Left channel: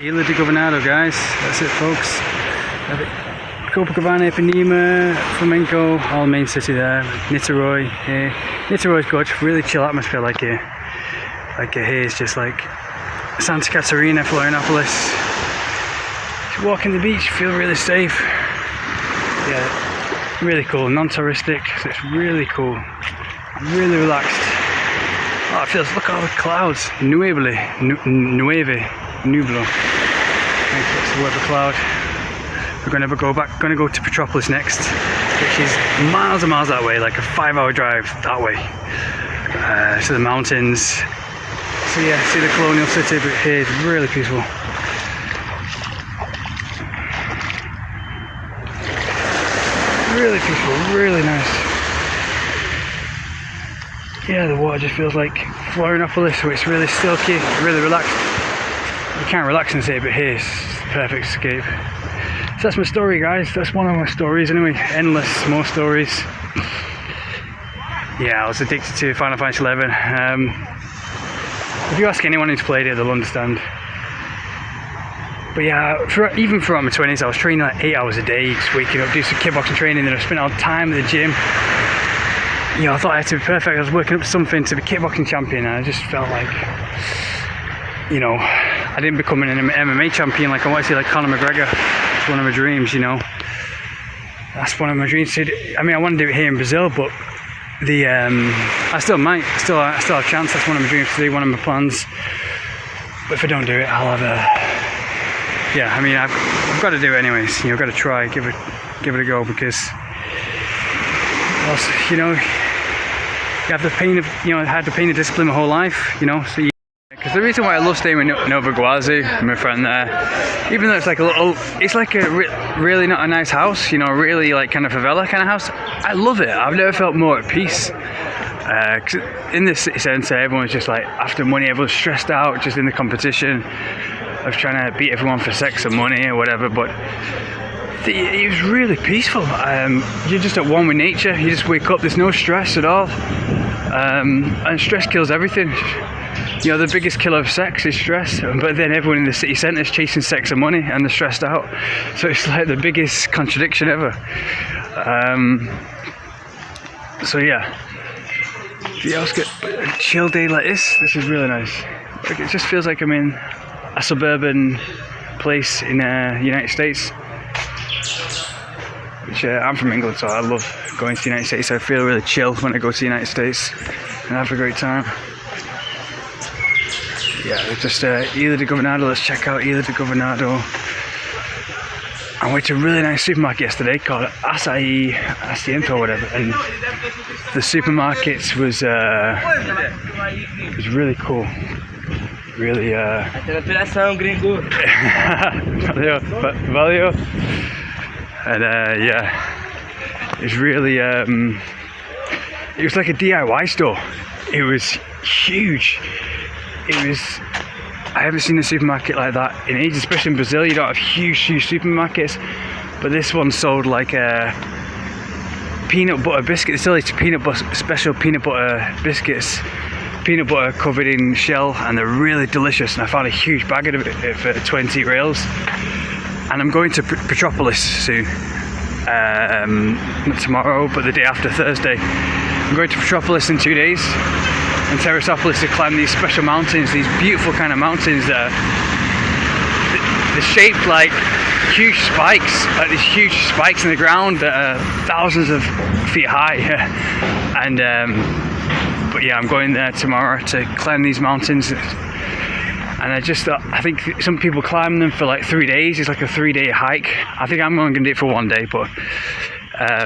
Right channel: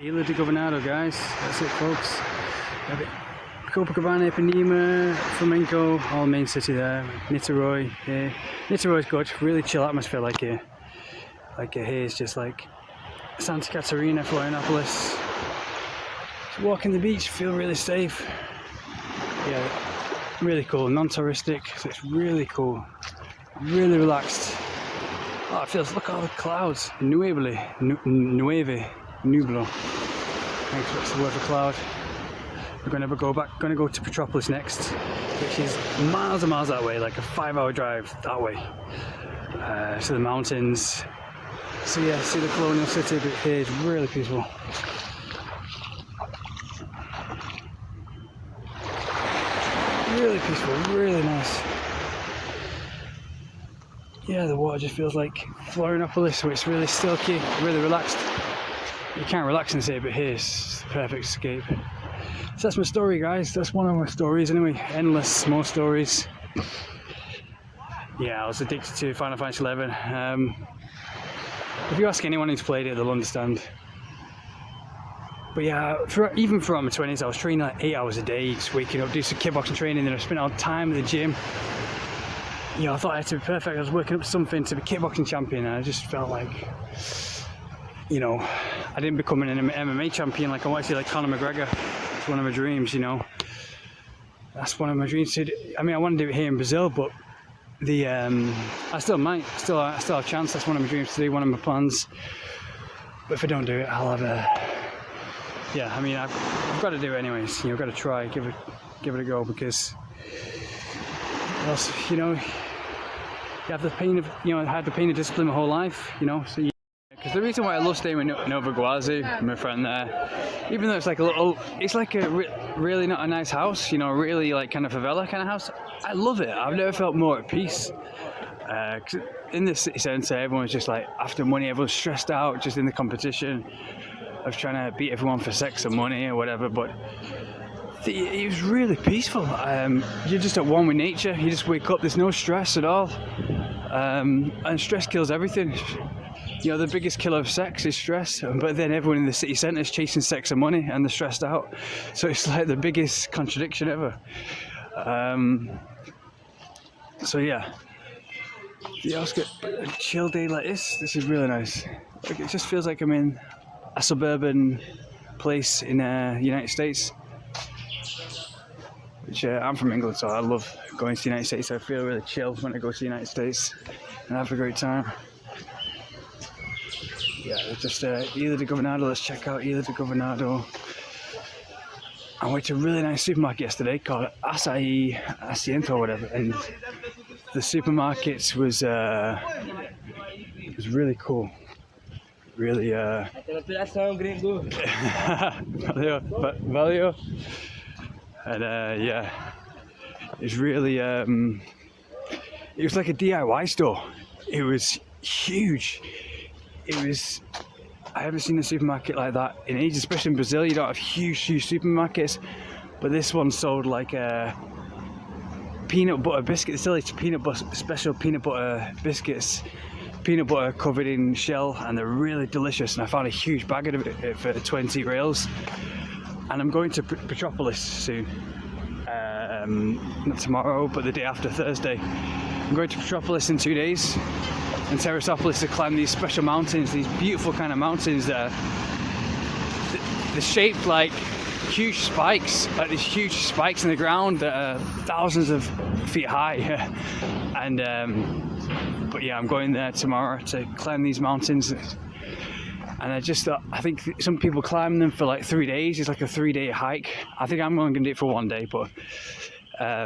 Ihla Governador, guys. That's it, folks. Copacabana, Ipanema, Flamenco, all main city there. Niterói here. Niterói's good, really chill atmosphere like here. Here is just like Santa Catarina, Florianopolis. Just walking the beach, feel really safe. Yeah, really cool, non-touristic, so it's really cool. I'm really relaxed. Oh, it feels, look at all the clouds. Nublo. That's the word for cloud. We're going to go to Petropolis next, which is miles and miles that way, like a 5-hour drive that way. To the mountains. So yeah, see the colonial city, but here it's really peaceful. Really peaceful, really nice. Yeah, the water just feels like Florianopolis, so it's really silky, really relaxed. You can't relax in the city, but here's the perfect escape. So that's my story, guys. That's one of my stories anyway. Endless more stories. Yeah, I was addicted to Final Fantasy XI. If you ask anyone who's played it, they'll understand. But yeah, even throughout my 20s, I was training like 8 hours a day, just waking up, do some kickboxing training, then I spent all the time at the gym. You know, I thought I had to be perfect. I was working up something to be kickboxing champion, and I just felt like, you know, I didn't become an MMA champion like I wanted to, like Conor McGregor. It's one of my dreams, you know. That's one of my dreams. I mean, I want to do it here in Brazil, but I still might. I still have a chance. That's one of my dreams to do, one of my plans. But if I don't do it, I'll have a... Yeah, I mean, I've got to do it anyways. You know, I've got to try, give it a go, because, you know, you have the pain of, you know, I had the pain of discipline my whole life, you know. So because the reason why I love staying in Nova Iguazu, my friend there, even though it's like a little, it's like a really not a nice house, you know, really like kind of favela kind of house. I love it. I've never felt more at peace. Cause in this city centre, everyone's just like after money, everyone's stressed out, just in the competition of trying to beat everyone for sex and money or whatever. But it was really peaceful. You're just at one with nature. You just wake up. There's no stress at all, and stress kills everything. You know, the biggest killer of sex is stress, but then everyone in the city centre is chasing sex and money, and they're stressed out. So it's like the biggest contradiction ever. So yeah, if you else get a chill day like this is really nice. Like, it just feels like I'm in a suburban place in the United States. Which I'm from England, so I love going to the United States. So I feel really chill when I go to the United States and have a great time. Yeah, just Ihla Governador. Let's check out Ihla Governador. I went to a really nice supermarket yesterday called Asiento or whatever, and the supermarket was really cool. Really valeu. And yeah, it's really it was like a DIY store. It was huge. I haven't seen a supermarket like that in ages, especially in Brazil. You don't have huge supermarkets, but this one sold like peanut butter biscuits. They still eat special peanut butter biscuits, peanut butter covered in shell, and they're really delicious. And I found a huge bag of it for 20 reals. And I'm going to Petropolis soon. Not tomorrow, but the day after, Thursday. I'm going to Petropolis in 2 days, and Teresópolis, to climb these special mountains, these beautiful kind of mountains that they're shaped like huge spikes, like these huge spikes in the ground that are thousands of feet high. And but yeah, I'm going there tomorrow to climb these mountains. And I think some people climb them for like 3 days. It's like a 3-day hike. I think I'm only going to do it for 1 day, but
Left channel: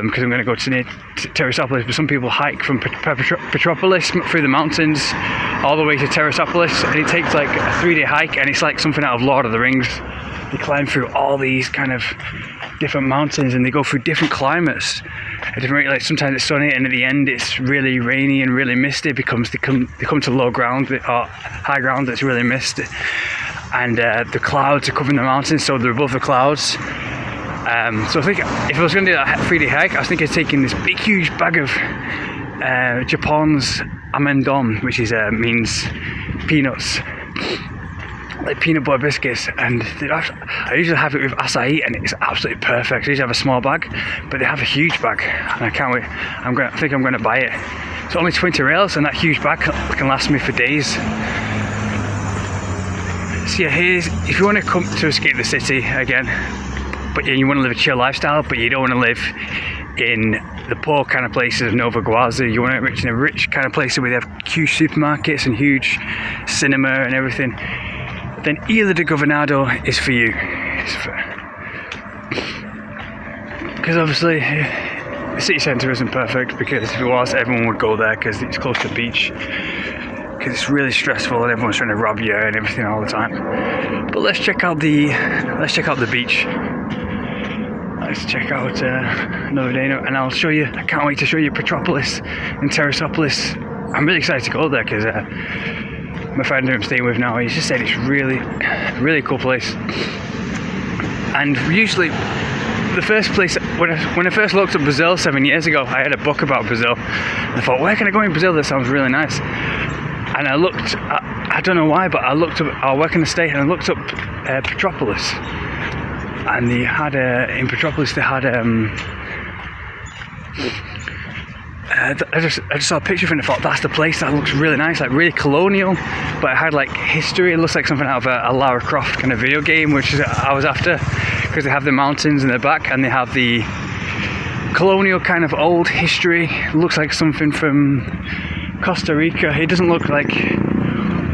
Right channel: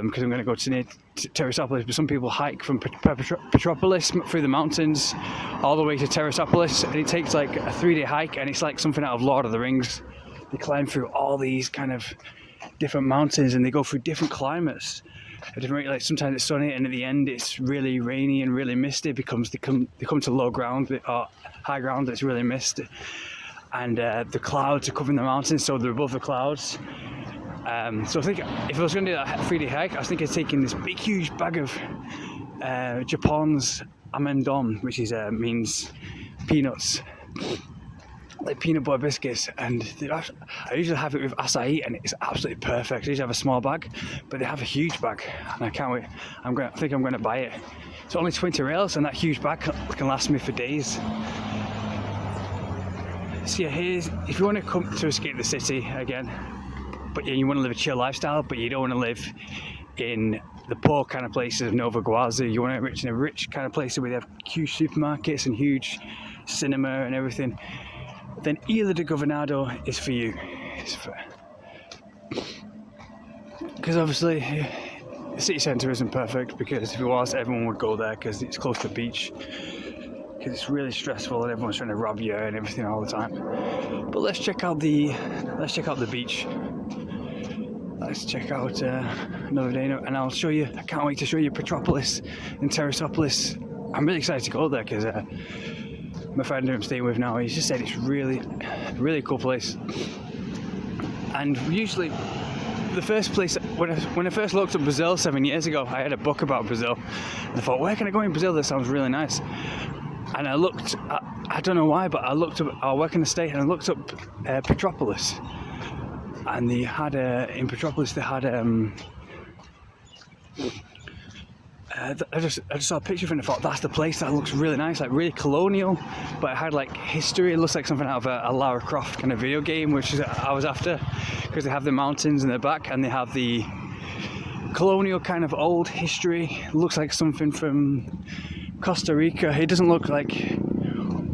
because I'm going to go to Teresópolis. But some people hike from Petropolis through the mountains all the way to Teresópolis, and it takes like a 3-day hike, and it's like something out of Lord of the Rings. They climb through all these kind of different mountains, and they go through different climates. Like sometimes it's sunny, and at the end it's really rainy and really misty because they come to low ground or high ground that's really misty, and the clouds are covering the mountains, so they're above the clouds. So I think if I was going to do that 3-day hike, I was thinking of taking this big huge bag of Japan's amendon, which is means peanuts. like peanut butter biscuits, and I usually have it with acai, and it's absolutely perfect. I usually have a small bag, but they have a huge bag, and I can't wait. I think I'm going to buy it. It's only 20 reals, and that huge bag can last me for days. So yeah, if you want to come to escape the city again, but you want to live a chill lifestyle, but you don't want to live in the poor kind of places of Nova Guazu, you want to live in a rich kind of place where they have huge supermarkets and huge cinema and everything, then Ihla Governador is for you. Because obviously the city centre isn't perfect, because if it was, everyone would go there because it's close to the beach, because it's really stressful and everyone's trying to rob you and everything all the time. But let's check out the beach. Let's check out another day, and I'll show you. I can't wait to show you Petropolis and Terrasopolis. I'm really excited to go there because my friend who I'm staying with now, he just said it's really cool place. And usually, the first place when I first looked at Brazil 7 years ago, I had a book about Brazil. And I thought, where can I go in Brazil? That sounds really nice. And I looked. I don't know why, but I looked up. I work in the state, and I looked up Petropolis. And they had in Petropolis, they had I just saw a picture of it and I thought, that's the place. That looks really nice, like really colonial, but it had like history. It looks like something out of a Lara Croft kind of video game, which I was after, because they have the mountains in the back and they have the colonial kind of old history. It looks like something from Costa Rica. It doesn't look like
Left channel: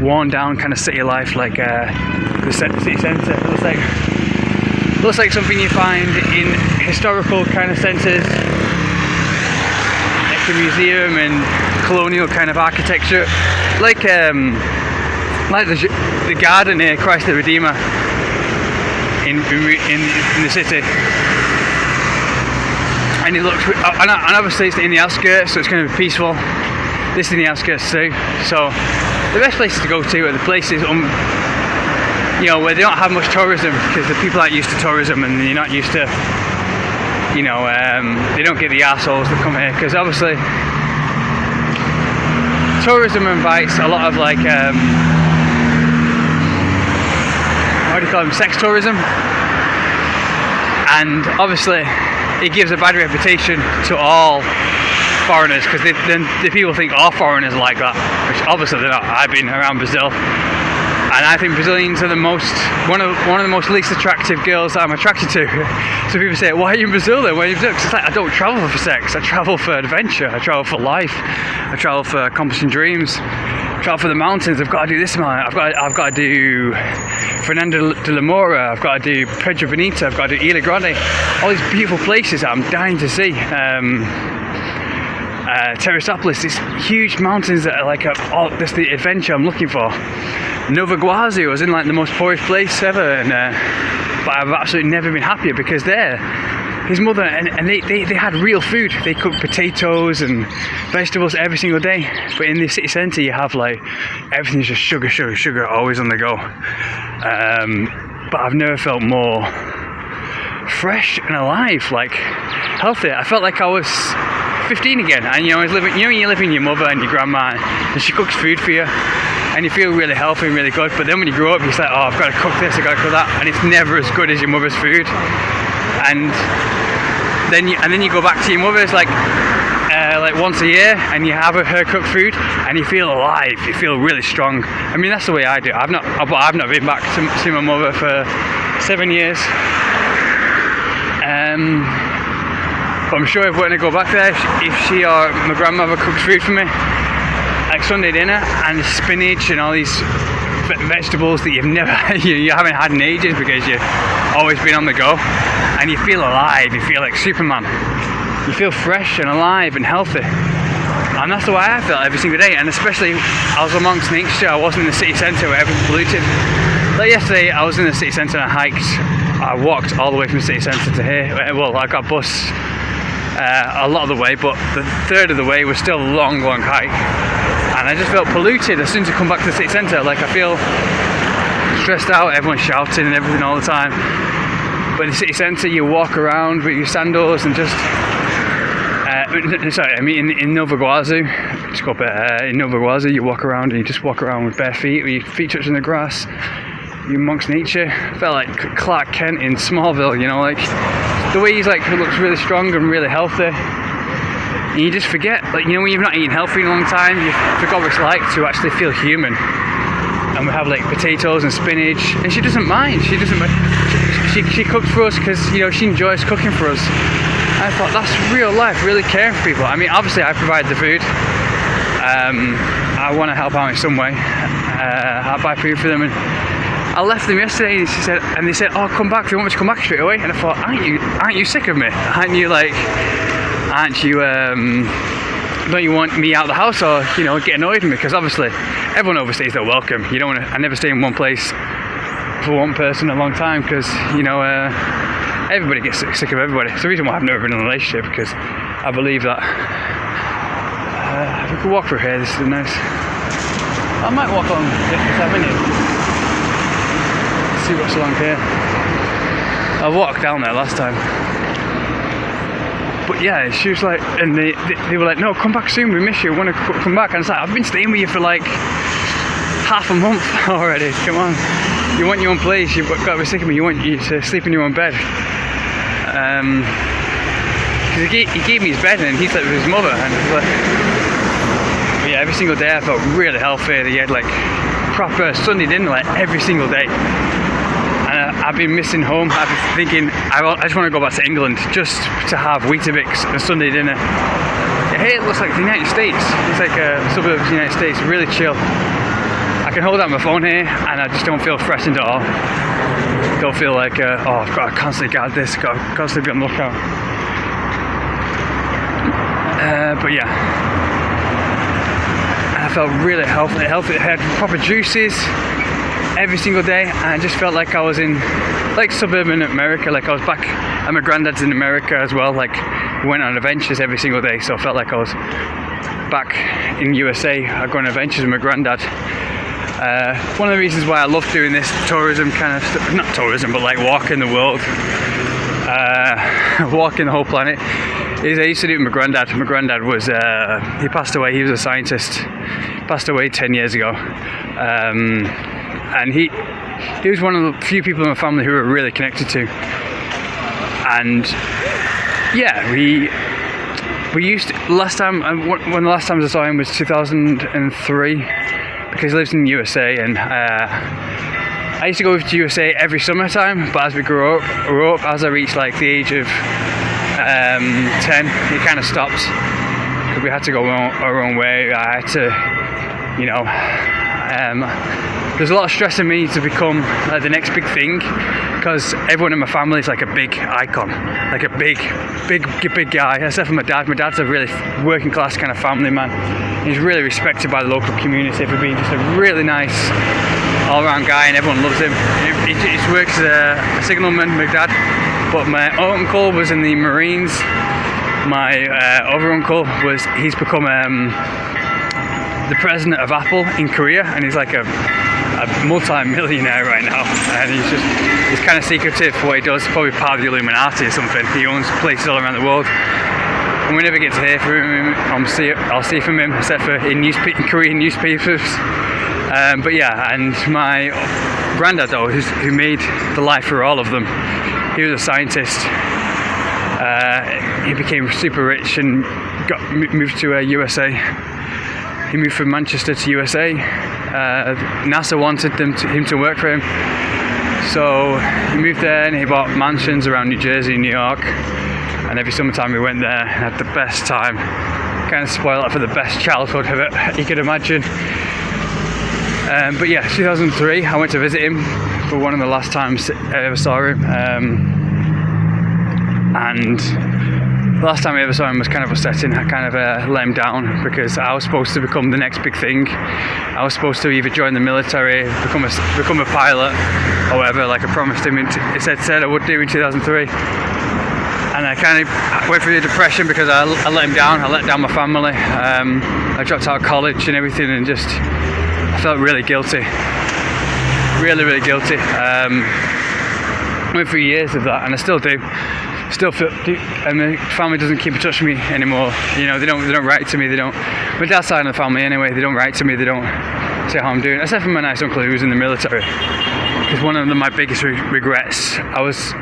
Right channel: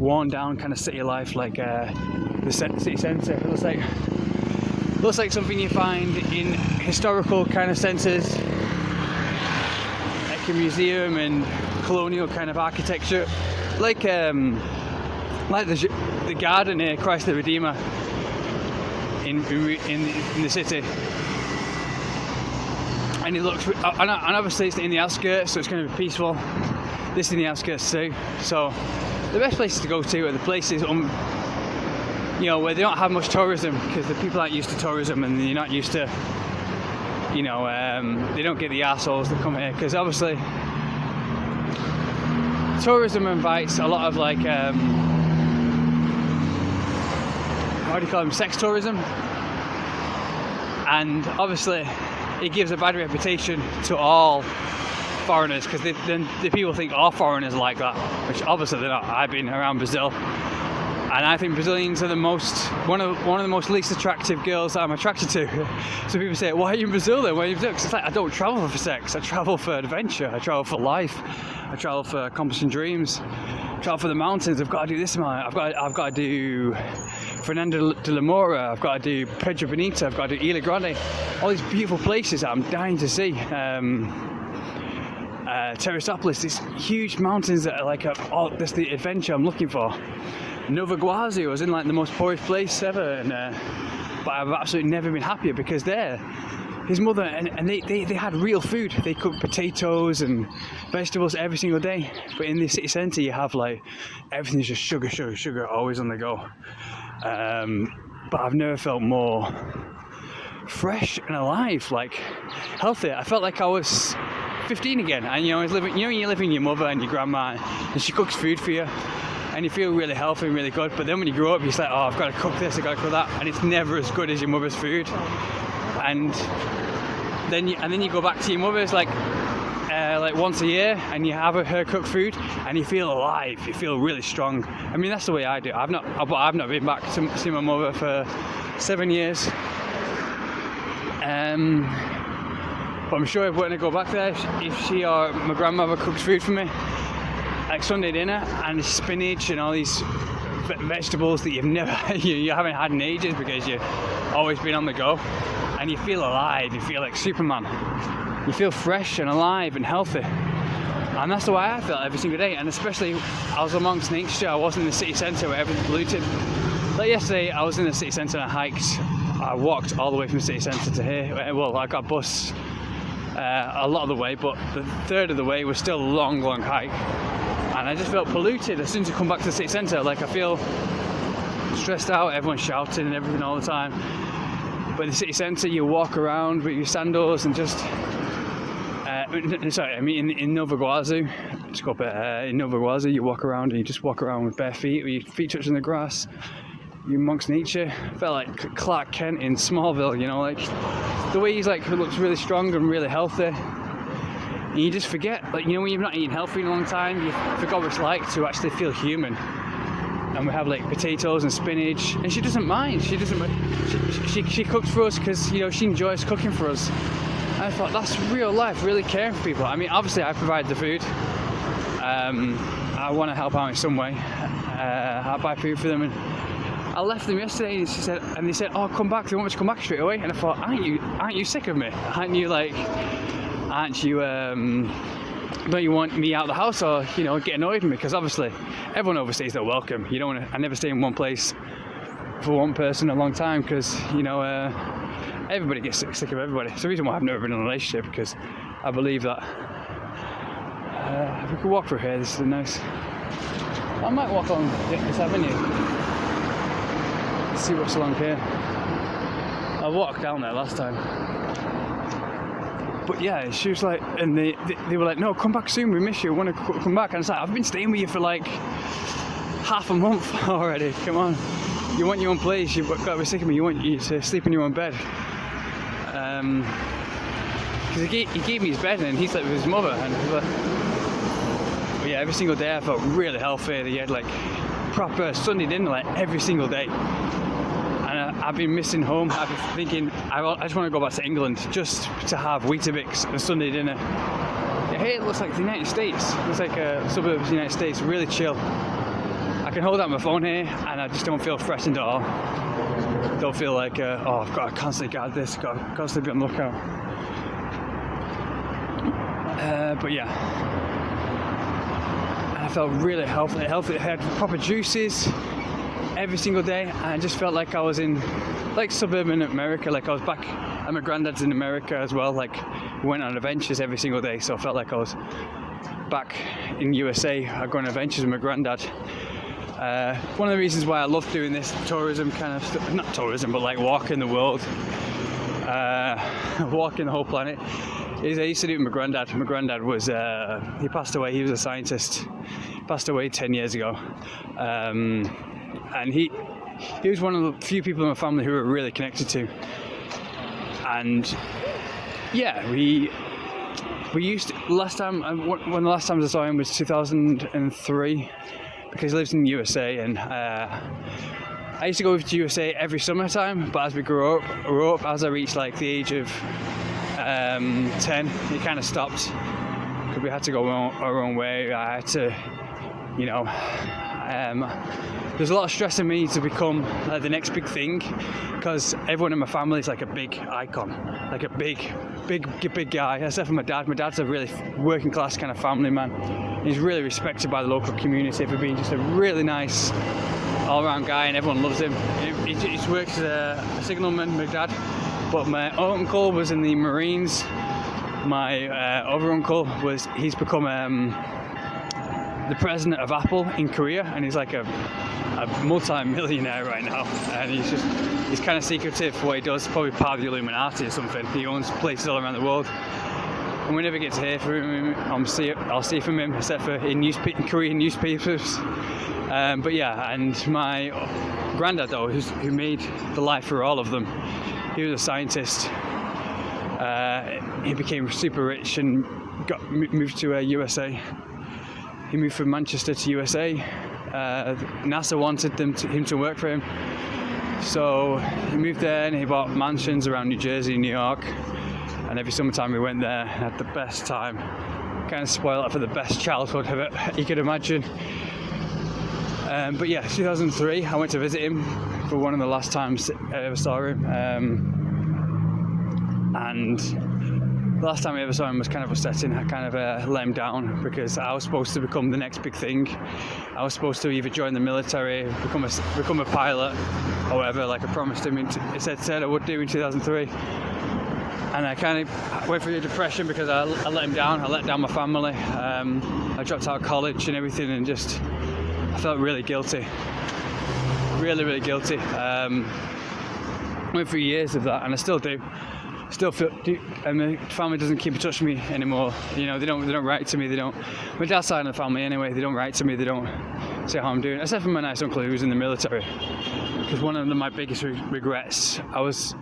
worn down kind of city life like the city centre. It looks like something you find in historical kind of centres, like a museum and colonial kind of architecture, like the garden near Christ the Redeemer in the city. And it looks, and obviously it's in the outskirts, so it's going to be peaceful. This is in the outskirts too. So the best places to go to are the places where they don't have much tourism, because the people aren't used to tourism and you're not used to, they don't get the assholes that come here, because obviously tourism invites a lot of like, what do you call them, sex tourism, and obviously it gives a bad reputation to all foreigners, because the people think all foreigners are like that, which obviously they're not. I've been around Brazil, and I think Brazilians are one of the most least attractive girls that I'm attracted to. So people say, why are you in Brazil then? Why are you in Brazil? 'Cause it's like, I don't travel for sex. I travel for adventure. I travel for life. I travel for accomplishing dreams. I travel for the mountains. I've got to do this, man. I've got to do Fernando de la Mora. I've got to do Pedro Bonito. I've got to do Ihla Grande. All these beautiful places that I'm dying to see. Terrasopolis, these huge mountains that are like that's the adventure I'm looking for. Nova Guazu, I was in like the most poorest place ever, and but I've absolutely never been happier, because his mother and they had real food. They cooked potatoes and vegetables every single day. But in the city centre, you have like everything's just sugar, always on the go. But I've never felt more fresh and alive, like healthy. I felt like I was 15 again, and I was living. When you live with your mother and your grandma, and she cooks food for you, and you feel really healthy and really good. But then when you grow up, you're like, oh, I've got to cook this, I've got to cook that, and it's never as good as your mother's food. And then you go back to your mother's like once a year, and you have her cooked food, and you feel alive. You feel really strong. I mean, that's the way I do. I've not been back to see my mother for 7 years. But I'm sure if we're going to go back there, if she or my grandmother cooks food for me, like Sunday dinner, and spinach and all these vegetables that you haven't had in ages, because you've always been on the go, and you feel alive. You feel like Superman. You feel fresh and alive and healthy, and that's the way I felt every single day. And especially, I was amongst nature. I wasn't in the city centre where everything's polluted. Like yesterday, I was in the city centre and I hiked. I walked all the way from the city centre to here. Well, I got a bus a lot of the way, but the third of the way was still a long hike, and I just felt polluted as soon as I come back to the city centre. Like, I feel stressed out, everyone's shouting and everything all the time. But in the city centre, you walk around with your sandals and just in Nova Guazu, in Nova Guazu, you walk around and you just walk around with bare feet, with your feet touching the grass. amongst nature. I felt like Clark Kent in Smallville, you know, like the way he's like looks really strong and really healthy. And you just forget, like, you know, when you've not eaten healthy in a long time, you forgot what it's like to actually feel human. And we have like potatoes and spinach, and she doesn't mind. She cooks for us because, you know, she enjoys cooking for us. And I thought, that's real life, really caring for people. I mean, obviously I provide the food. I want to help out in some way. I'll buy food for them, and I left them yesterday, and they said, "Oh, come back. Do you want me to come back straight away?" And I thought, aren't you sick of me? Don't you want me out of the house, or, you know, get annoyed with me? Because obviously everyone overstays their welcome. You don't want to. I never stay in one place for one person a long time, because, you know, everybody gets sick of everybody. It's the reason why I've never been in a relationship, because I believe that. We could walk through here. This is nice. I might walk on this avenue. See what's along here. I walked down there last time. But yeah, she was like, and they were like, "No, come back soon, we miss you, we want to come back." And it's like, I've been staying with you for like half a month already, come on. You want your own place, you've got to be sick of me, you want you to sleep in your own bed. Because he gave me his bed and he slept with his mother, and it was like, yeah, every single day I felt really healthy. He had like proper Sunday dinner like every single day. I've been missing home. I've been thinking, I just want to go back to England just to have Weetabix and Sunday dinner. Hey, it looks like the United States. It's like a suburb of the United States, really chill. I can hold out my phone here and I just don't feel threatened at all. Don't feel like, I've got to constantly guard this, got to constantly be on the lookout. But yeah, I felt really healthy. I had proper juices every single day, and I just felt like I was in like suburban America, like I was back at my granddad's in America as well. Like, we went on adventures every single day, so I felt like I was back in USA. I go on adventures with my granddad. One of the reasons why I love doing this tourism kind of stuff, not tourism, but like walking the world, walking the whole planet, is I used to do it with my granddad. My granddad was, he passed away, he was a scientist, passed away 10 years ago. And he was one of the few people in my family who were really connected to. And yeah, we used to, one of the last times I saw him was 2003, because he lives in the USA, and I used to go to USA every summertime, but as we grew up, as I reached like the age of 10, it kind of stopped, because we had to go our own way. I had to, you know, there's a lot of stress in me to become the next big thing, because everyone in my family is like a big icon, like a big guy, except for my dad. My dad's a really working class kind of family man. He's really respected by the local community for being just a really nice all-around guy, and everyone loves him. He works as a signalman, my dad, but my uncle was in the Marines. My other uncle he's become the president of Apple in Korea, and he's like a multi-millionaire right now, and he's kind of secretive for what he does, probably part of the Illuminati or something. He owns places all around the world, and we never get to hear from him. I'll see from him, except for in Korean newspapers. But yeah, and my granddad though, who made the life for all of them, he was a scientist. He became super rich and moved to USA. He moved from Manchester to USA. NASA wanted him to work for him, so he moved there and he bought mansions around New Jersey, New York, and every summertime we went there and had the best time. Kind of spoiled it for the best childhood you could imagine. But yeah, 2003 I went to visit him for one of the last times I ever saw him, and the last time I ever saw him was kind of upsetting. I kind of let him down, because I was supposed to become the next big thing. I was supposed to either join the military, become a pilot, or whatever, like I promised him. He said I would do in 2003. And I kind of went through the depression because I let him down. I let down my family. I dropped out of college and everything, and I felt really guilty. Really, really guilty. Went through years of that, and I still do. Still feel, and my family doesn't keep in touch with me anymore. You know, they don't write to me. My dad's side of the family anyway. They don't write to me. They don't say how I'm doing, except for my nice uncle who's in the military. because one of my biggest regrets was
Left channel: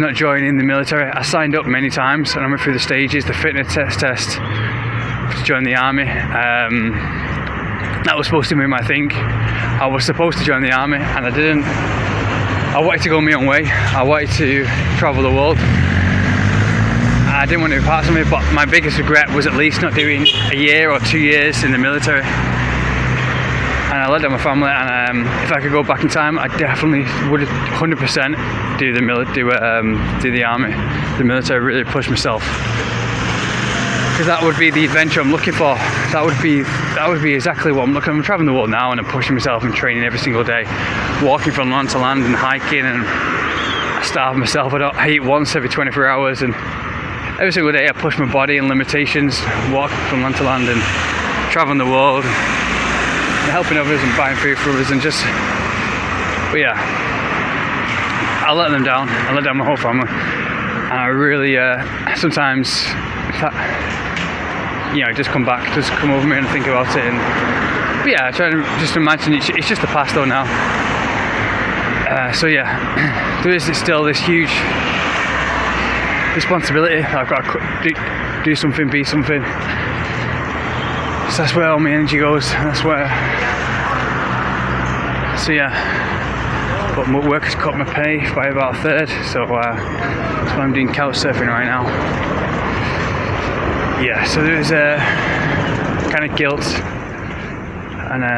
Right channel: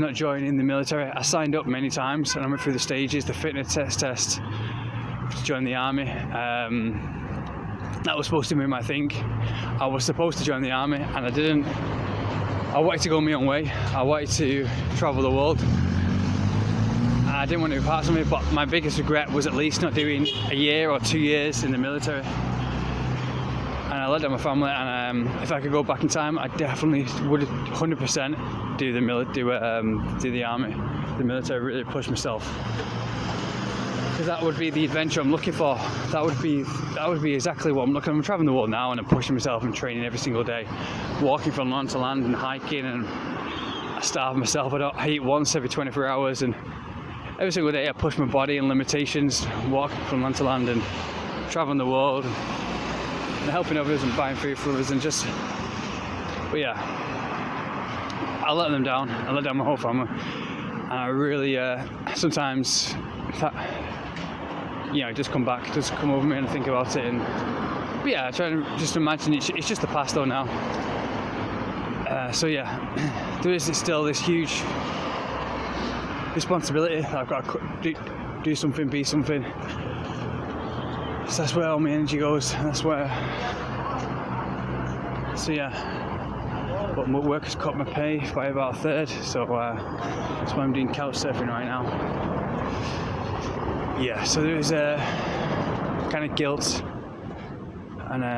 not joining the military. I signed up many times and I went through the stages, the fitness test to join the army. That was supposed to be my thing. I was supposed to join the army and I didn't. I wanted to go my own way. I wanted to travel the world. I didn't want to be part of it, but my biggest regret was at least not doing a year or 2 years in the military. And I let down my family, and if I could go back in time, I definitely would 100% do the army, the military. Really push myself, because that would be the adventure I'm looking for. That would be exactly what I'm looking. I'm traveling the world now, and I'm pushing myself and training every single day, walking from land to land and hiking, and I starve myself. I eat once every 24 hours, and every single day I push my body and limitations, walk from land to land and traveling the world, and helping others and buying food for others, and just, but yeah, I let them down. I let down my whole family, and I really sometimes, just come over me and think about it. And but yeah, I try to just imagine it's just the past though now. So yeah, there is still this huge responsibility. I've got to do something, be something. So that's where all my energy goes. And that's where. So yeah, but my work has cut my pay by about a third. So that's why I'm doing couch surfing right now. Yeah, so there's a kind of guilt, and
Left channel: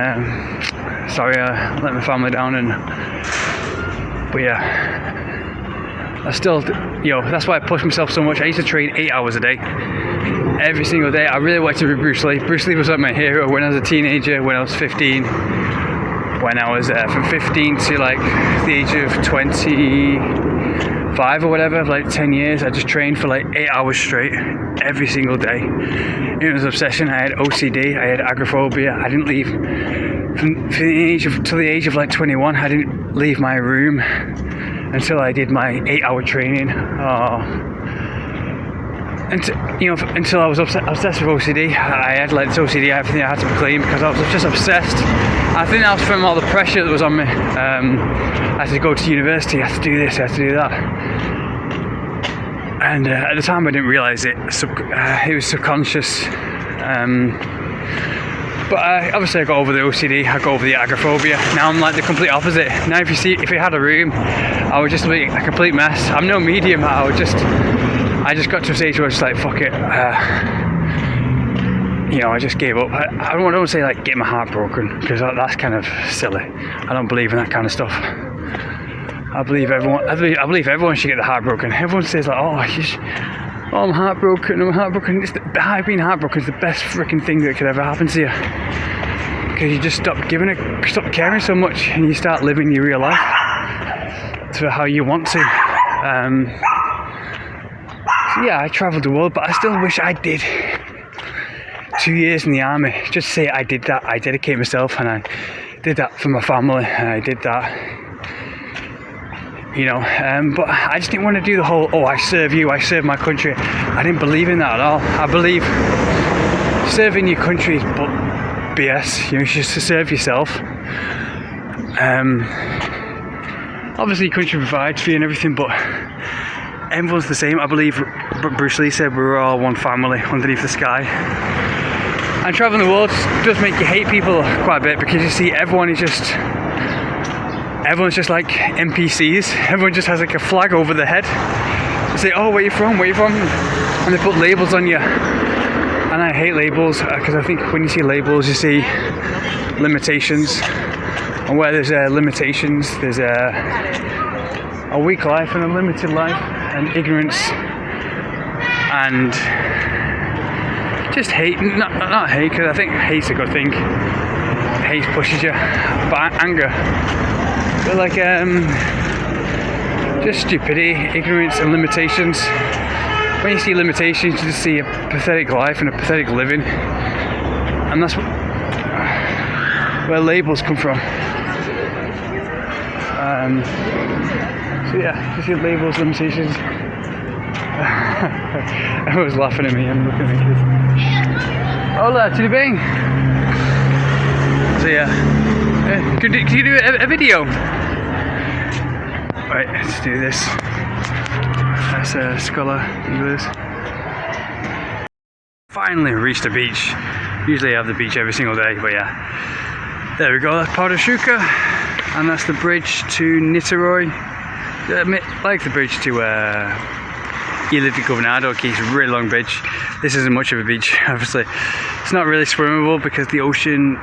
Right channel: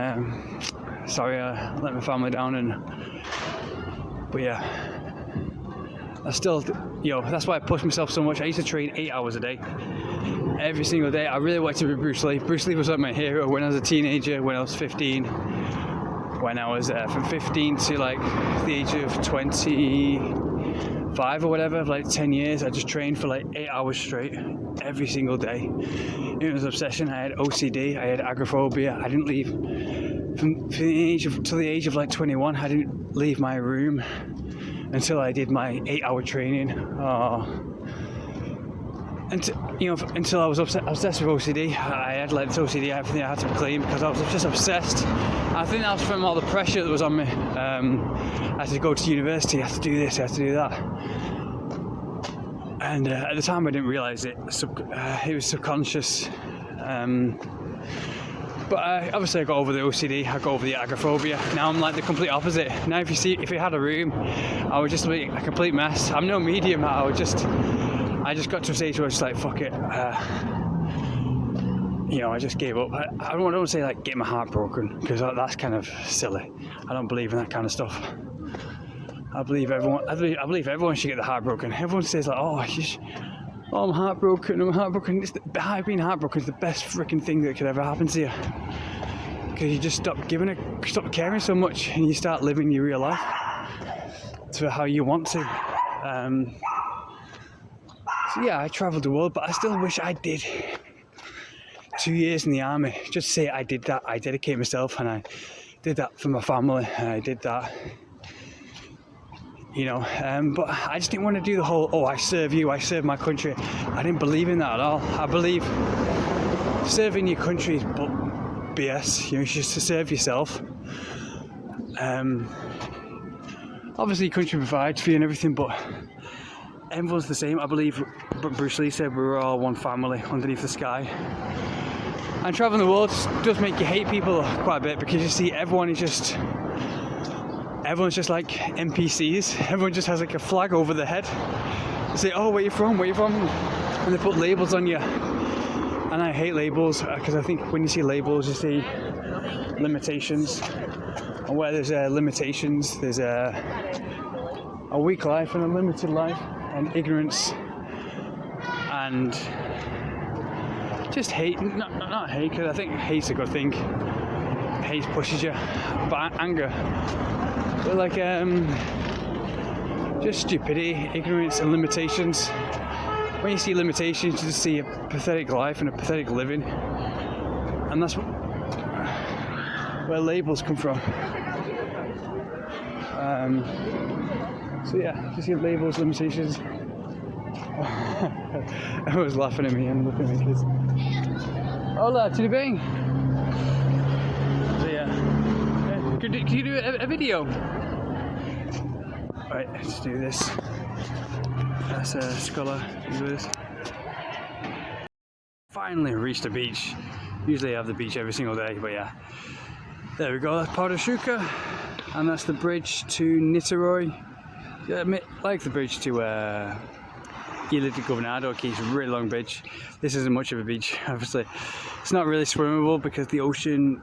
sorry I let my family down, but yeah, I still, that's why I push myself so much. I used to train 8 hours a day, every single day. I really wanted to be Bruce Lee. Bruce Lee was like my hero when I was a teenager, when I was 15, when I was from 15 to like the age of 25 or whatever, like 10 years. I just trained for like 8 hours straight, every single day. It was an obsession. I had OCD, I had agoraphobia. I didn't leave till the age of like 21. I didn't leave my room until I did my 8-hour training. Until I was obsessed with OCD. I had like this OCD, everything I had to be clean because I was just obsessed. I think that was from all the pressure that was on me. I had to go to university, I had to do this, I had to do that. And at the time I didn't realise it. It was subconscious. But obviously I got over the OCD, I got over the agoraphobia. Now I'm like the complete opposite. Now if you had a room, I would just be a complete mess. I'm no medium. I just got to a stage where I was just like, fuck it. I just gave up. I don't want to say like get my heart broken, because that's kind of silly. I don't believe in that kind of stuff. I believe everyone should get the heart broken. Everyone says like, I'm heartbroken. Being heartbroken is the best freaking thing that could ever happen to you, because you just stop caring so much, and you start living your real life to how you want to. So yeah, I travelled the world, but I still wish I did 2 years in the army. Just say I did that. I dedicate myself, and I did that for my family, and I did that. But I just didn't want to do the whole, I serve you, I serve my country. I didn't believe in that at all. I believe serving your country is BS. You should serve yourself. Obviously your country provides for you and everything, but everyone's the same. I believe Bruce Lee said we're all one family underneath the sky. And traveling the world does make you hate people quite a bit, because you see everyone's just like NPCs. Everyone just has like a flag over their head. They say, where you from? And they put labels on you. And I hate labels, because I think when you see labels, you see limitations. And where there's limitations, there's a weak life and a limited life, and ignorance, and just hate. Not hate, because I think hate's a good thing. Hate pushes you, but anger. But like just stupidity, ignorance, and limitations. When you see limitations, you just see a pathetic life and a pathetic living, and that's where labels come from. So yeah, just see labels, limitations. Everyone's laughing at me. I'm looking at kids. Hola, tudo bem? So yeah, can you do a video? Right, let's do this. That's Scholar English. Finally reached the beach. Usually I have the beach every single day, but yeah. There we go, that's part of Shuka. And that's the bridge to Niterói. Like the bridge to Ihla Governador, it's a really long bridge. This isn't much of a beach, obviously. It's not really swimmable because the ocean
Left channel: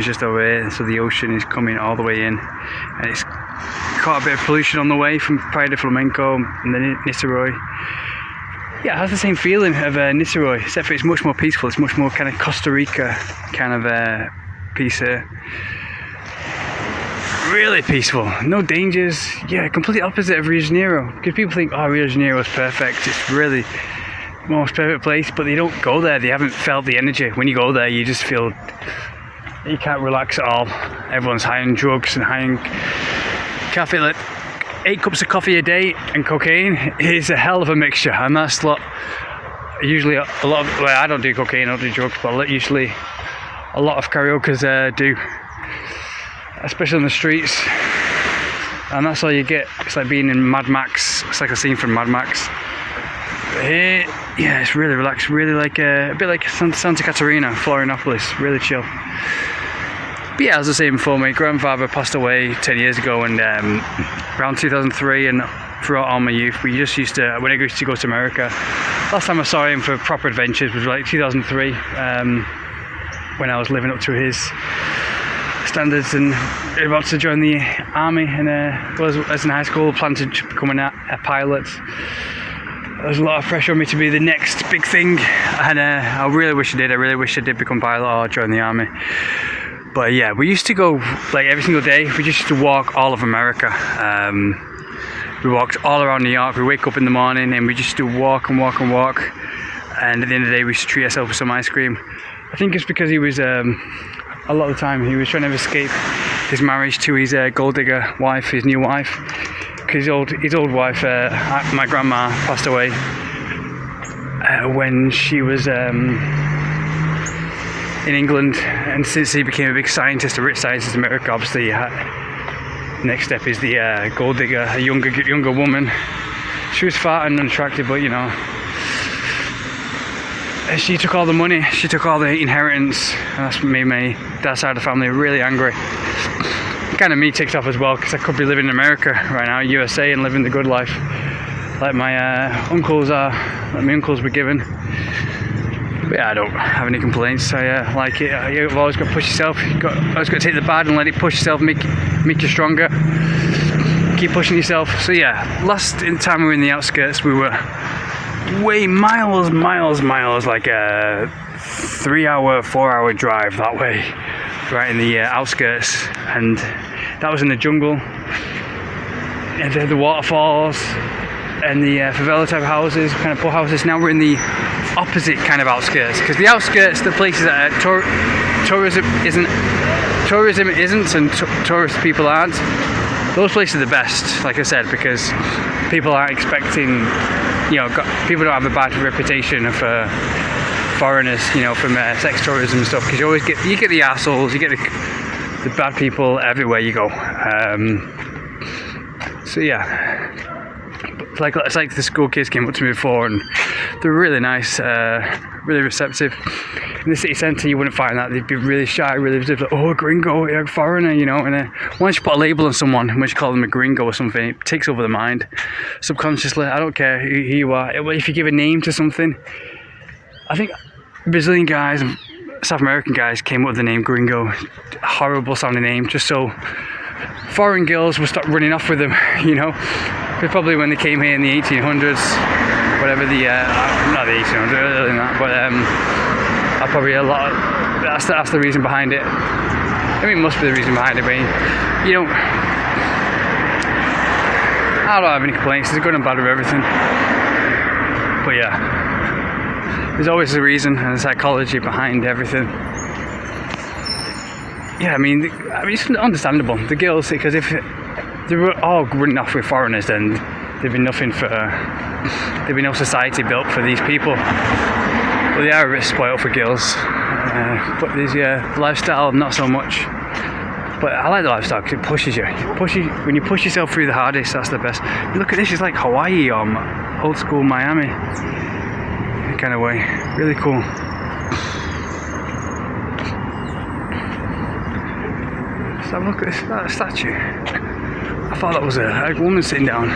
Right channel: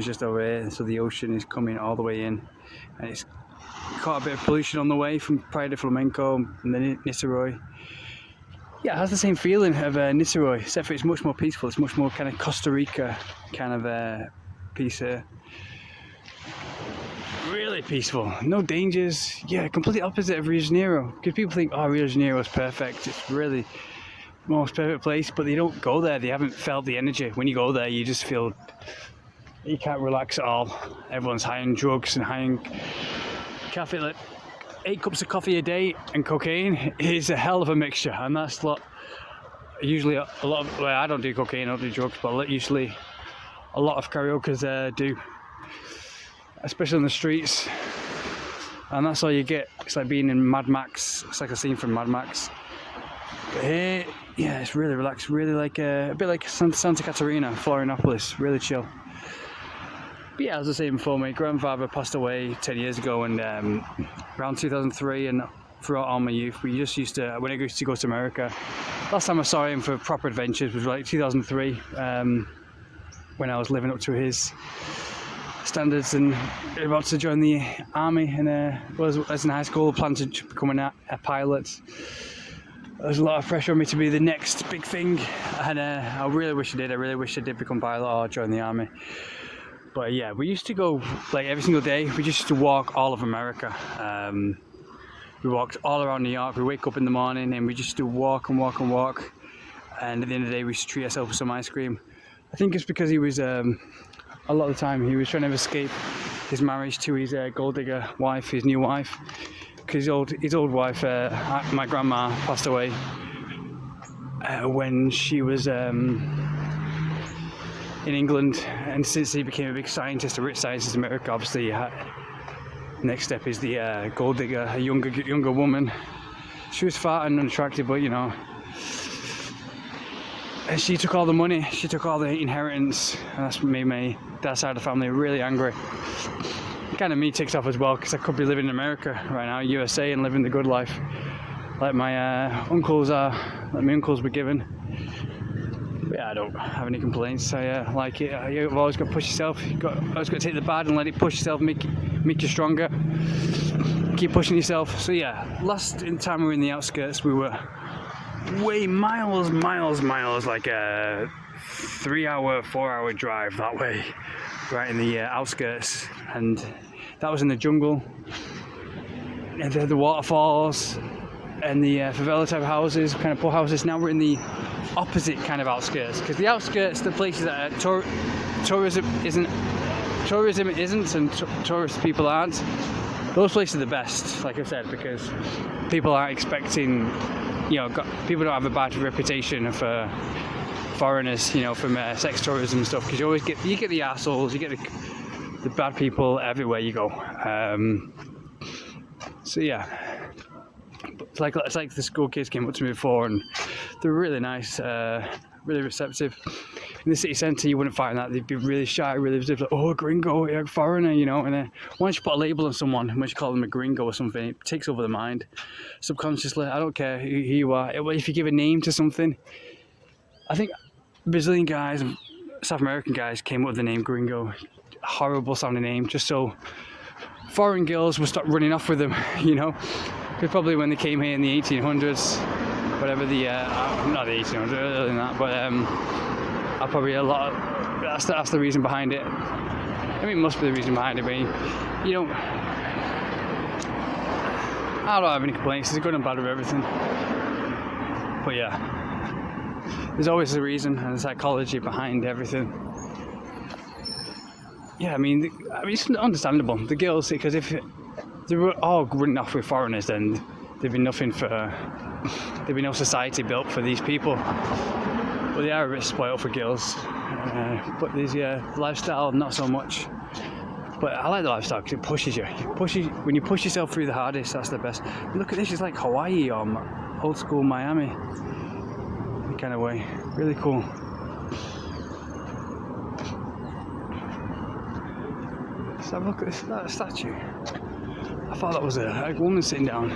is just over here, so the ocean is coming all the way in. And it's caught a bit of pollution on the way from Praia de Flamenco and then Niterói. Yeah, it has the same feeling of Niterói, except for it's much more peaceful. It's much more kind of Costa Rica kind of piece here. Really peaceful, no dangers. Yeah, completely opposite of Rio de Janeiro. Because people think, oh, Rio de Janeiro is perfect. It's really the most perfect place, but they don't go there. They haven't felt the energy. When you go there, you just feel you can't relax at all. Everyone's high on drugs and high on coffee. Like 8 cups of coffee a day and cocaine is a hell of a mixture, and that's usually a lot of. Well, I don't do cocaine, I don't do drugs, but usually a lot of karaokes do. Especially on the streets, and that's all you get. It's like being in Mad Max. It's like a scene from Mad Max. But here, yeah, it's really relaxed, really like a bit like Santa Catarina, Florianopolis, really chill. But yeah, as I was saying before, my grandfather passed away 10 years ago, and around 2003, and throughout all my youth, we just used to, when I used to go to America, last time I saw him for proper adventures was like 2003, when I was living up to his standards and about to join the army, and was in high school planning to become a pilot. There was a lot of pressure on me to be the next big thing, and I really wish I did. I really wish I did become a pilot or join the army. But yeah, we used to go like every single day. We just used to walk all of America. We walked all around New York. We wake up in the morning and we just used to walk and walk and walk. And at the end of the day, we used to treat ourselves with some ice cream. I think it's because he was a lot of the time he was trying to escape his marriage to his gold digger wife, his new wife. Because his old wife, my grandma, passed away when she was in England, and since he became a big scientist, a rich scientist in America, obviously next step is the gold digger, a younger woman. She was fat and unattractive, but you know, she took all the money, she took all the inheritance, and that's made that side of the family really angry. Kind of me ticked off as well, because I could be living in America right now, USA, and living the good life, like my uncles were given. But yeah, I don't have any complaints. I like it. You've always got to push yourself. You've always got to take the bad and let it push yourself, make you stronger. Keep pushing yourself. So yeah, last time we were in the outskirts, we were way miles, like a 3-hour, 4-hour drive that way, right in the outskirts, and that was in the jungle, and they had the waterfalls and the favela type houses, kind of poor houses. Now we're in the opposite kind of outskirts, because the outskirts, the places that tourism isn't and tourist people aren't, those places are the best, like I said, because people aren't expecting, you know, people don't have a bad reputation of foreigners, you know, from sex tourism and stuff, because you get the assholes, you get the bad people everywhere you go. So yeah, it's like the school kids came up to me before, and they're really nice, really receptive. In the city centre, you wouldn't find that. They'd be really shy, really reserved, like, oh, gringo, you're a foreigner, you know. And once you put a label on someone, once you call them a gringo or something, it takes over the mind subconsciously. I don't care who you are. If you give a name to something, I think Brazilian guys and South American guys came up with the name gringo, horrible sounding name, just so foreign girls would stop running off with them, you know. Because probably when they came here in the 1800s, whatever the not the 1800s, earlier than that, but probably a lot of, that's the reason behind it. I mean, it must be the reason behind it, but you know, I don't have any complaints. There's good and bad with everything, but yeah, there's always a reason and a psychology behind everything. Yeah, I mean, it's understandable. The girls, because if they were all running off with foreigners, then there'd be no society built for these people. Well, they are a bit spoiled for girls, but there's lifestyle, not so much. But I like the lifestyle because it pushes you. When you push yourself through the hardest, that's the best. Look at this, it's like Hawaii or old school Miami kind of way. Really cool. Let's have a look at that statue. I thought that was a woman sitting down.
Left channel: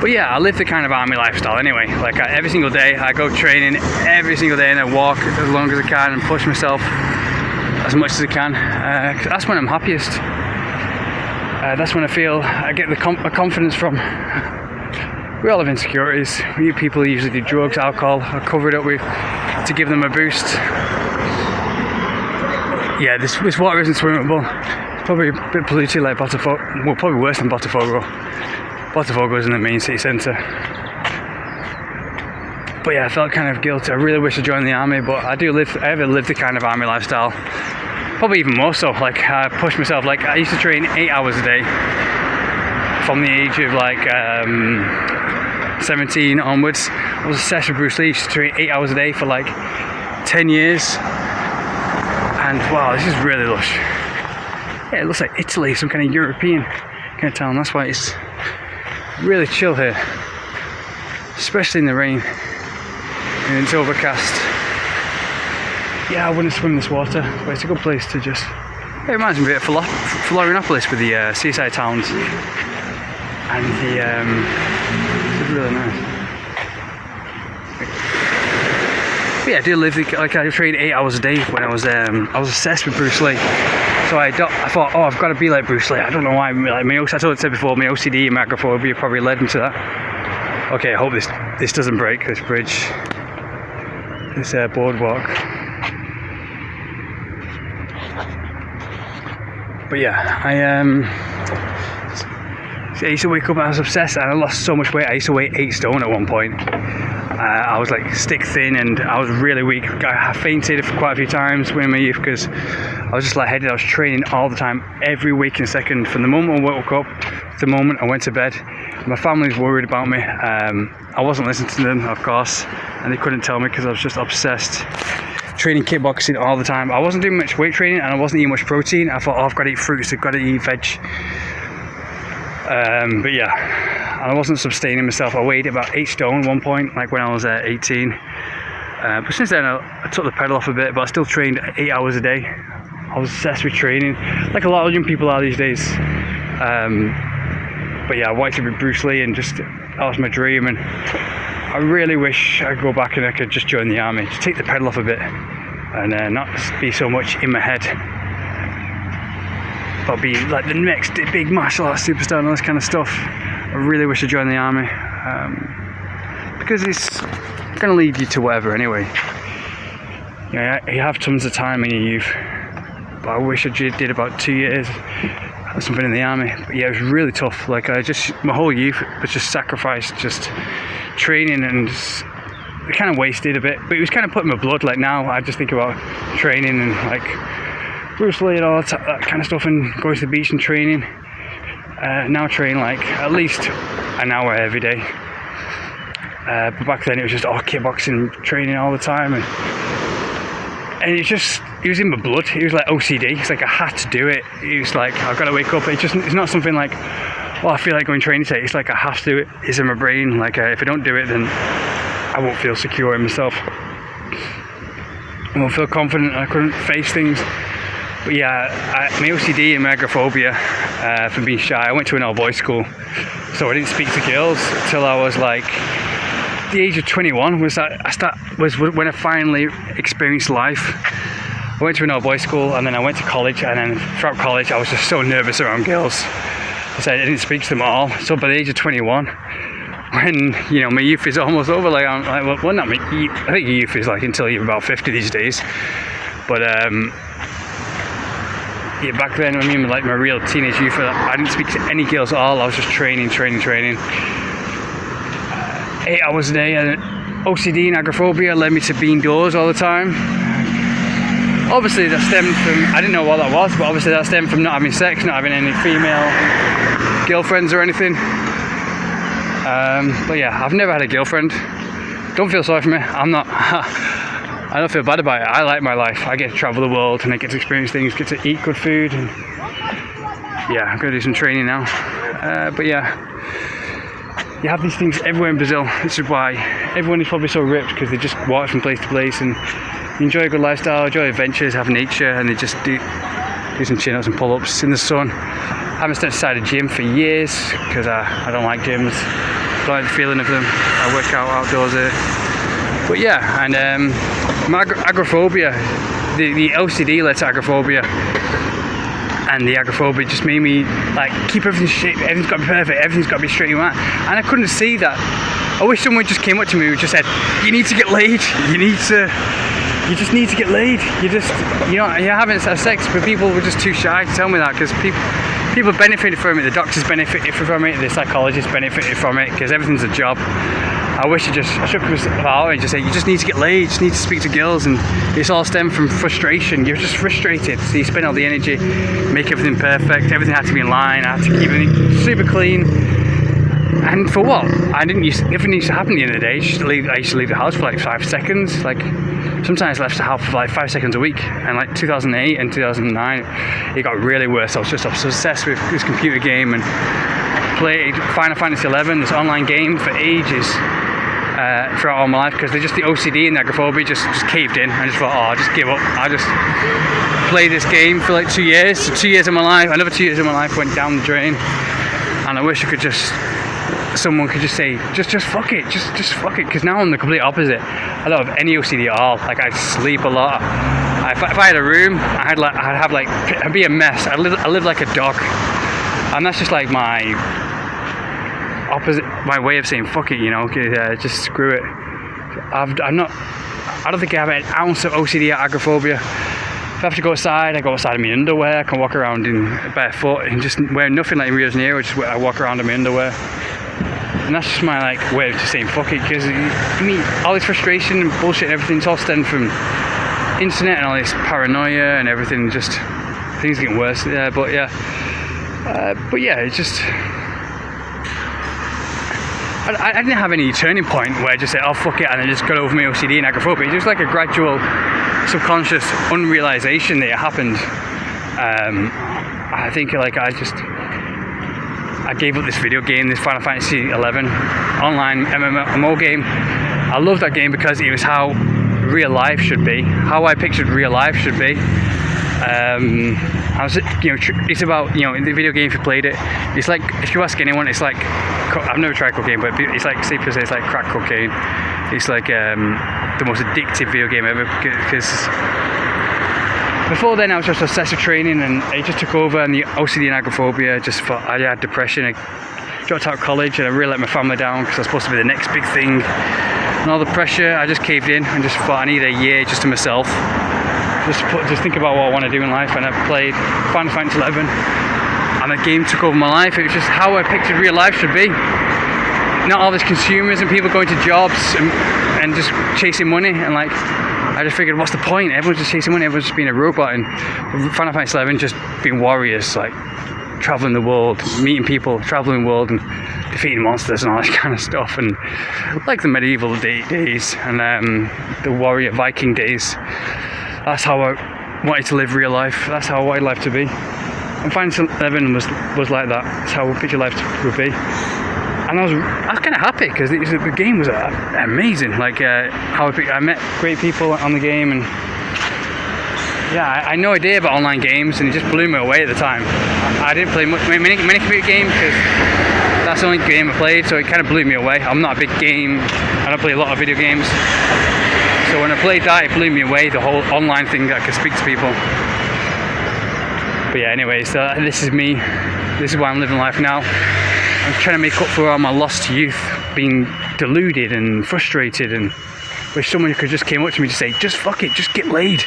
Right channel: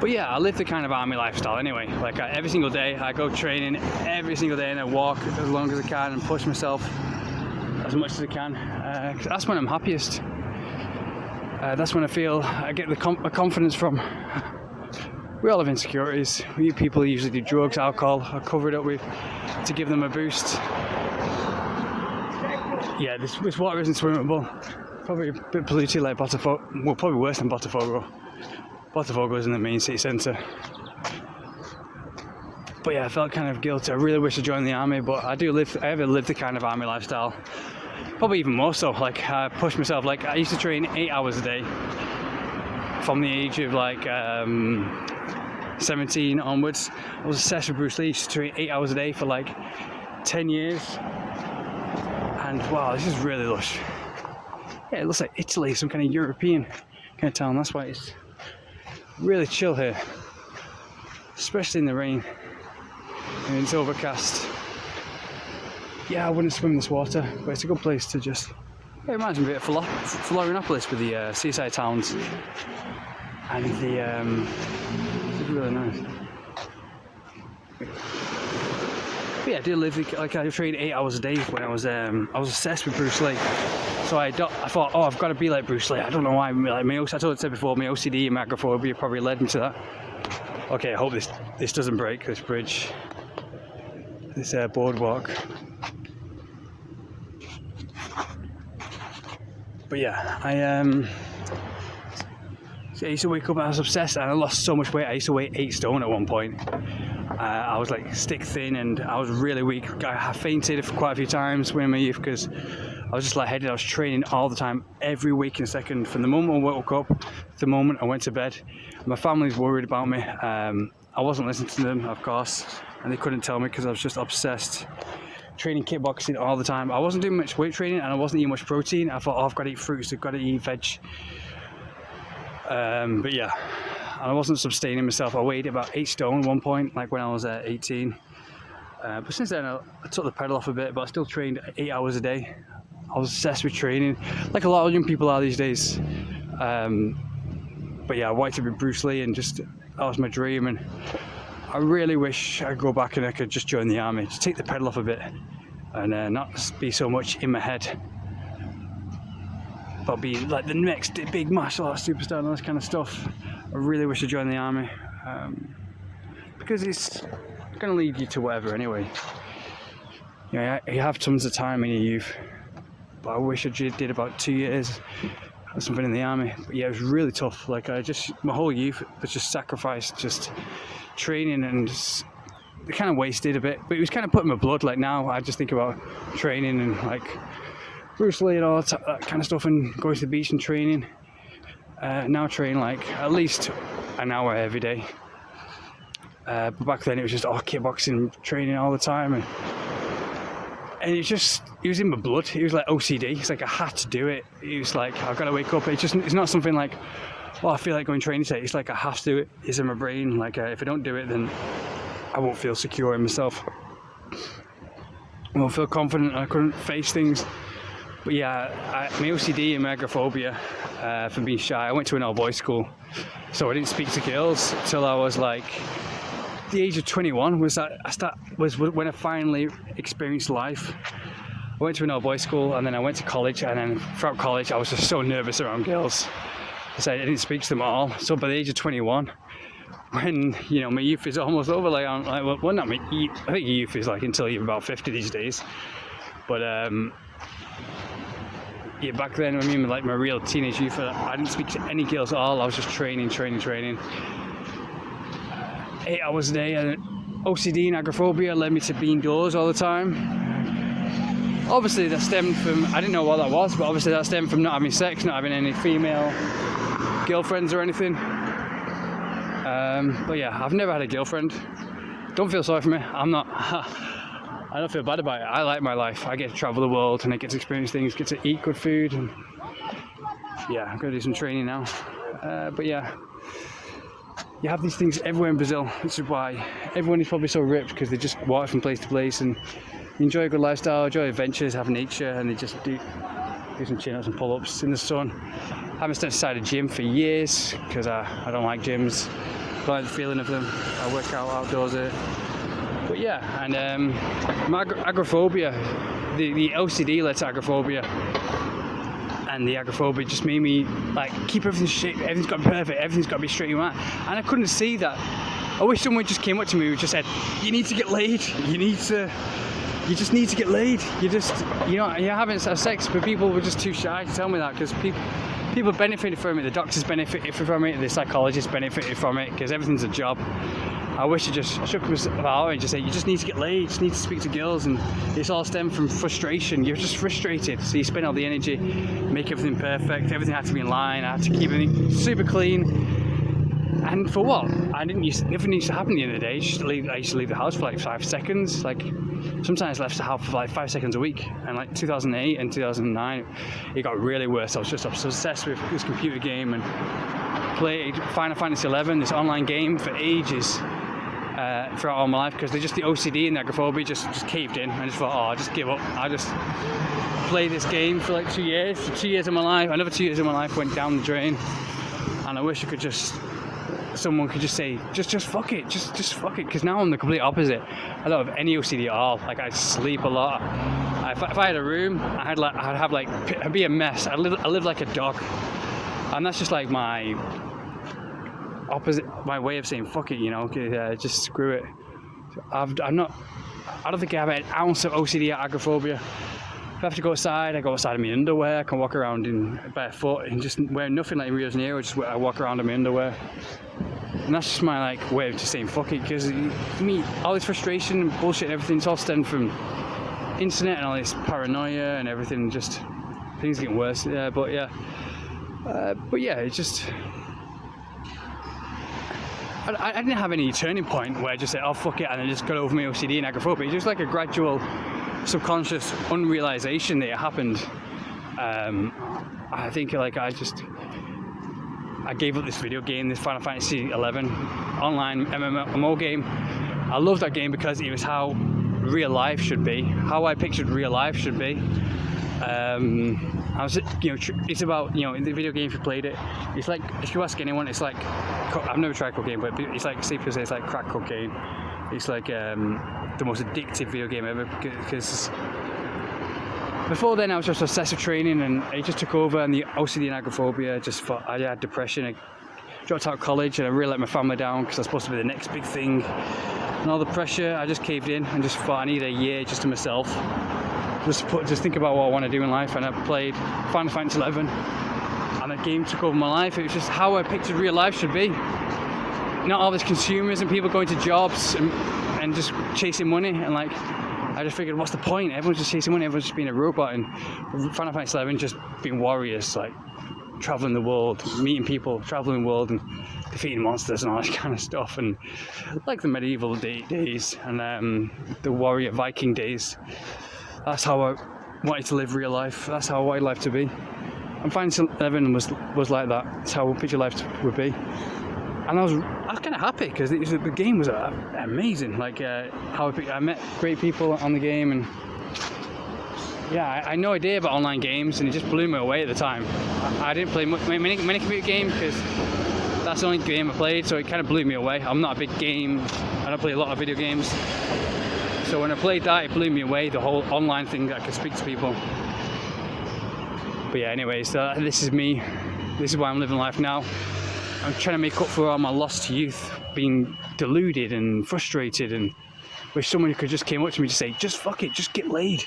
But yeah, I live the kind of army lifestyle anyway. Like every single day, I go training every single day, and I walk as long as I can and push myself as much as I can. 'Cause that's when I'm happiest. That's when I feel I get the confidence from. We all have insecurities. People usually do drugs, alcohol, or cover it up with to give them a boost. Yeah, this water isn't swimmable. It's probably a bit polluted like Botafogo. Well, probably worse than Botafogo. Botafogo is in the main city centre. But yeah, I felt kind of guilty. I really wish I joined the army, but I ever lived the kind of army lifestyle. Probably even more so. Like I pushed myself. Like I used to train 8 hours a day from the age of like 17 onwards. I was obsessed with Bruce Lee. I used to train 8 hours a day for like 10 years. And wow, this is really lush. Yeah, it looks like Italy, some kind of European kind of town. That's why it's really chill here, especially in the rain and it's overcast. Yeah, I wouldn't swim this water, but it's a good place to just. It reminds me a bit of Florianopolis with the seaside towns, and it's really nice. But yeah, I do live like I trained 8 hours a day when I was obsessed with Bruce Lee. So I thought, oh, I've got to be like Bruce Lee. I don't know why. Like I said before, my OCD and my agoraphobia probably led me to that. Okay, I hope this doesn't break, this bridge, this boardwalk. But yeah, I used to wake up and I was obsessed, and I lost so much weight. I used to weigh 8 stone at one point. I was like stick thin and I was really weak. I fainted for quite a few times in my youth because I was just lightheaded. I was training all the time, every waking second, from the moment I woke up to the moment I went to bed. My family was worried about me. I wasn't listening to them, of course, and they couldn't tell me because I was just obsessed. Training kickboxing all the time. I wasn't doing much weight training and I wasn't eating much protein. I thought, oh, I've got to eat fruits, I've got to eat veg. But yeah, I wasn't sustaining myself. I weighed about 8 stone at one point, like when I was 18. But since then I took the pedal off a bit, but I still trained 8 hours a day. I was obsessed with training, like a lot of young people are these days. But yeah, I wanted to be Bruce Lee, and just that was my dream. And I really wish I could go back and I could just join the army, just take the pedal off a bit, and not be so much in my head. But be like the next big martial arts superstar and all this kind of stuff. I really wish I joined the army, because it's going to lead you to whatever anyway. Yeah, you have tons of time in your youth, but I wish I did about 2 years or something in the army. But yeah, it was really tough. Like my whole youth was just sacrificed, just training, and it kind of wasted a bit. But it was kind of put in my blood. Like now, I just think about training and like Bruce Lee and all that kind of stuff, and going to the beach and training. Now I train like at least an hour every day. But back then it was just kickboxing training all the time, and it was in my blood. It was like OCD. It's like I had to do it. It was like I've got to wake up. It's not something like, oh, I feel like going training today. It's like I have to do it. It's in my brain. Like if I don't do it, then I won't feel secure in myself. I won't feel confident. I couldn't face things. But yeah, my OCD and my agoraphobia from being shy. I went to an all-boys school, so I didn't speak to girls till I was like the age of 21. Was when I finally experienced life. I went to an all-boys school, and then I went to college, and then throughout college I was just so nervous around girls, so I didn't speak to them at all. So by the age of 21, when my youth is almost over, I think your youth is like until you're about 50 these days, but yeah, back then, I mean, like my real teenage youth, I didn't speak to any girls at all. I was just training. 8 hours a day, and OCD and agoraphobia led me to be indoors all the time. Obviously, that stemmed from, I didn't know what that was, but obviously that stemmed from not having sex, not having any female girlfriends or anything. But yeah, I've never had a girlfriend. Don't feel sorry for me. I'm not. I don't feel bad about it. I like my life. I get to travel the world and I get to experience things, get to eat good food, and yeah, I'm gonna do some training now. But yeah, you have these things everywhere in Brazil. This is why everyone is probably so ripped, because they just walk from place to place and enjoy a good lifestyle, enjoy adventures, have nature, and they just do some chin-ups and pull-ups in the sun. I haven't stepped inside a gym for years because I don't like gyms. I don't like the feeling of them. I work out outdoors here. But yeah, and my agoraphobia, the OCD led to agoraphobia, and the agoraphobia just made me like keep everything straight. Everything's got to be perfect. Everything's got to be straight and right. And I couldn't see that. I wish someone just came up to me and just said, "You need to get laid. You just need to get laid. You're having sex," but people were just too shy to tell me that, because people benefited from it. The doctors benefited from it. The psychologists benefited from it, because everything's a job. I wish I should come out and just say, "You just need to get laid. You just need to speak to girls," and it's all stemmed from frustration. You're just frustrated, so you spend all the energy, make everything perfect. Everything had to be in line. I had to keep everything super clean. And for what? Nothing used to happen at the end of the day. I used to leave the house for like 5 seconds. Like sometimes I left the house for like 5 seconds a week. And like 2008 and 2009, it got really worse. I was just obsessed with this computer game and played Final Fantasy 11, this online game, for ages throughout all my life, because the OCD and the agoraphobia just caved in. I just thought, I'll just give up. I'll just play this game for like 2 years. So 2 years of my life, another 2 years of my life went down the drain. And I wish I could someone could just say, just fuck it, just fuck it, because now I'm the complete opposite. I don't have any OCD at all. Like, I sleep a lot. If I had a room, I'd be a mess. I live like a dog, and that's just like my opposite, my way of saying fuck it, just screw it. I don't think I have an ounce of OCD or agoraphobia. If I have to go outside, I go outside in my underwear. I can walk around in barefoot and just wear nothing like in Rio de Janeiro. I walk around in my underwear. And that's just my way of just saying fuck it, because all this frustration and bullshit and everything, it's all stemmed from internet and all this paranoia and everything. Just things getting worse. But yeah, it's just I didn't have any turning point where I just said, "Oh fuck it," and then just got over my OCD and agoraphobia. It's just like a gradual, subconscious unrealization that it happened. I think I gave up this video game, this Final Fantasy 11 online MMO game. I love that game because it was how real life should be, how I pictured real life should be. It's about, in the video game, if you played it, it's like, if you ask anyone, it's like, I've never tried cocaine, but it's like, people say it's like crack cocaine. It's like the most addictive video game ever, because before then I was just obsessed with training, and it just took over, and the OCD and agoraphobia, just thought I had depression. I dropped out of college and I really let my family down because I was supposed to be the next big thing, and all the pressure, I just caved in and just thought I need a year just to myself, just think about what I want to do in life. And I played Final Fantasy 11, and the game took over my life. It was just how I pictured real life should be. Not all these consumers and people going to jobs and just chasing money, and I just figured, what's the point? Everyone's just chasing money, everyone's just being a robot. And Final Fantasy 11 just being warriors, like traveling the world, meeting people, traveling the world, and defeating monsters and all that kind of stuff. And like the medieval days and the warrior Viking days. That's how I wanted to live real life. That's how I wanted life to be. And Final Fantasy 11 was like that. That's how I pictured life would be. And I was kind of happy because the game was amazing. I met great people on the game, and yeah, I had no idea about online games, and it just blew me away at the time. I didn't play many computer games because that's the only game I played, so it kind of blew me away. I'm not a big game. I don't play a lot of video games. So when I played that, it blew me away. The whole online thing that I could speak to people. But yeah, anyway, so this is me. This is why I'm living life now. I'm trying to make up for all my lost youth, being deluded and frustrated, and wish someone could just came up to me to say, just fuck it, just get laid,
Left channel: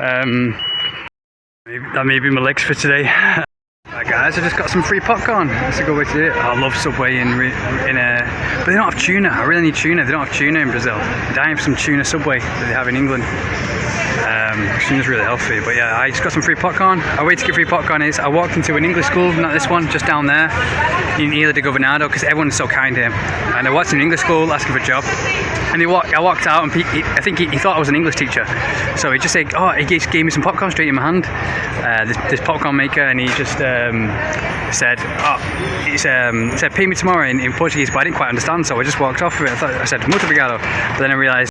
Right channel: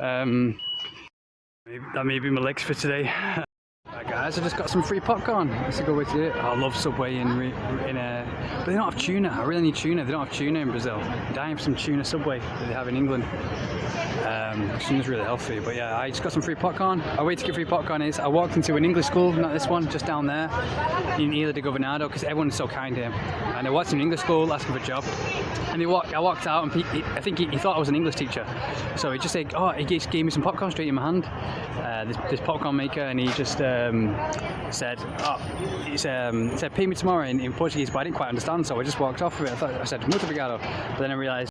That may be my legs for today. Right guys, I just got some free popcorn. That's a good way to do it. I love Subway but they don't have tuna. I really need tuna. They don't have tuna in Brazil. I'm dying for some tuna Subway that they have in England. which seems really healthy. But yeah, I just got some free popcorn. A way to get free popcorn is I walked into an English school, not this one, just down there in Ihla Governador, because everyone's so kind to him. And I walked in an English school asking for a job, and I walked out, and I think he thought I was an English teacher, so he just said, he just gave me some popcorn straight in my hand, this popcorn maker, and he just said, he said pay me tomorrow in Portuguese, but I didn't quite understand, so I just walked off with it. I said muito obrigado, but then I realised